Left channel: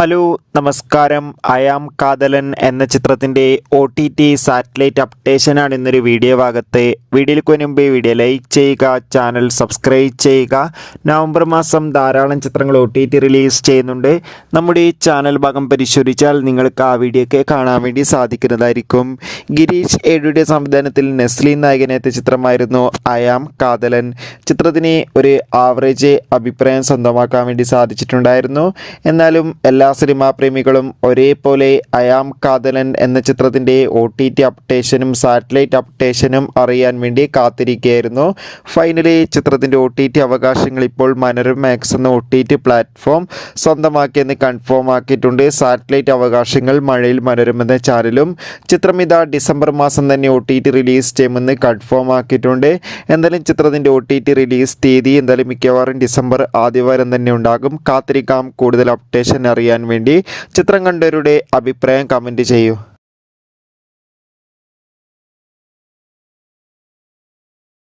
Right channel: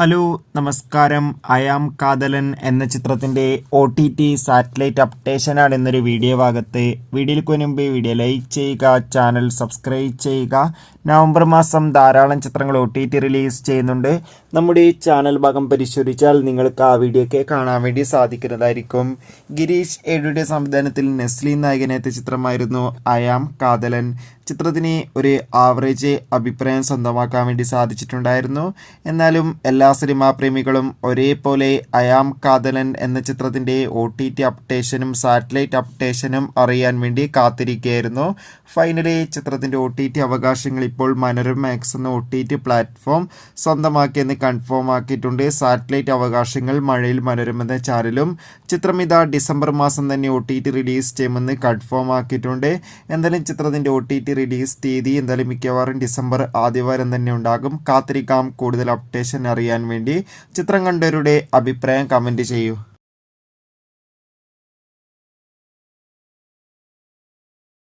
Hello നമസ്കാരം. I am Kadhalan എന്ന ചിത്രത്തിൻ്റെ OTT സാറ്റലൈറ്റ് അപ്ഡേഷനാണ് ഇന്നൊരു വീഡിയോ ഭാഗത്ത്. വീഡിയോയ്ക്ക് മുൻപ് വീഡിയോ ലൈക്ക് ചെയ്യുക, ചാനൽ സബ്സ്ക്രൈബ് ചെയ്യുക. നവംബർ മാസം ധാരാളം ചിത്രങ്ങൾ OTT റിലീസ് ചെയ്യുന്നുണ്ട്. നമ്മുടെ ഈ ചാനൽ ഭാഗം പരിശോധിച്ചാൽ നിങ്ങൾക്ക് ആ വീഡിയോയൊക്കെ കാണാൻ വേണ്ടി സാധിക്കുന്നതായിരിക്കും. ഗിരീഷ് ഏഴിയുടെ സംവിധാനത്തിൽ നെസ്ലി നായകനെത്തിയ ചിത്രമായിരുന്നു അയാം കാതലൻ. ചിത്രത്തിന് ഒരു ആവറേജ് അഭിപ്രായം സ്വന്തമാക്കാൻ വേണ്ടി സാധിച്ചിട്ടുണ്ടായിരുന്നു. എന്നാലും എല്ലാ സിനിമാ പ്രേമികളും ഒരേപോലെ അയാം കാതലൻ എന്ന ചിത്രത്തിൻ്റെ OTT അപ്ഡേഷനും സാറ്റലൈറ്റ് അപ്ഡേഷനും അറിയാൻ വേണ്ടി കാത്തിരിക്കുകയായിരുന്നു. ഫൈനലി ചിത്രത്തിൻ്റെ OTT അവകാശങ്ങൾ ഇപ്പോൾ മനോരമാക്സ് എന്ന OTT പ്ലാറ്റ്ഫോം സ്വന്തമാക്കിയെന്ന് കൺഫേം ആക്കിയിട്ടുണ്ട്. സാറ്റലൈറ്റ് അവകാശങ്ങൾ മഴയിൽ മനോരമ എന്ന ചാനലും ചിത്രം ഇതാ ഡിസംബർ മാസം തന്നെ OTT റിലീസ് ചെയ്യുമെന്ന് കൺഫേം ആക്കിയിട്ടുണ്ട്. എന്തായാലും ചിത്രത്തിൻ്റെ OTT റിലീസ് തീയതി എന്തായാലും മിക്കവാറും ഡിസംബർ ആദ്യവാരം തന്നെ ഉണ്ടാകും. കാത്തിരിക്കാം. കൂടുതൽ അപ്ഡേഷൻ അറിയാൻ വേണ്ടി ചിത്രം കണ്ടവരുടെ അഭിപ്രായം കമൻറ്റ് ചെയ്യൂ.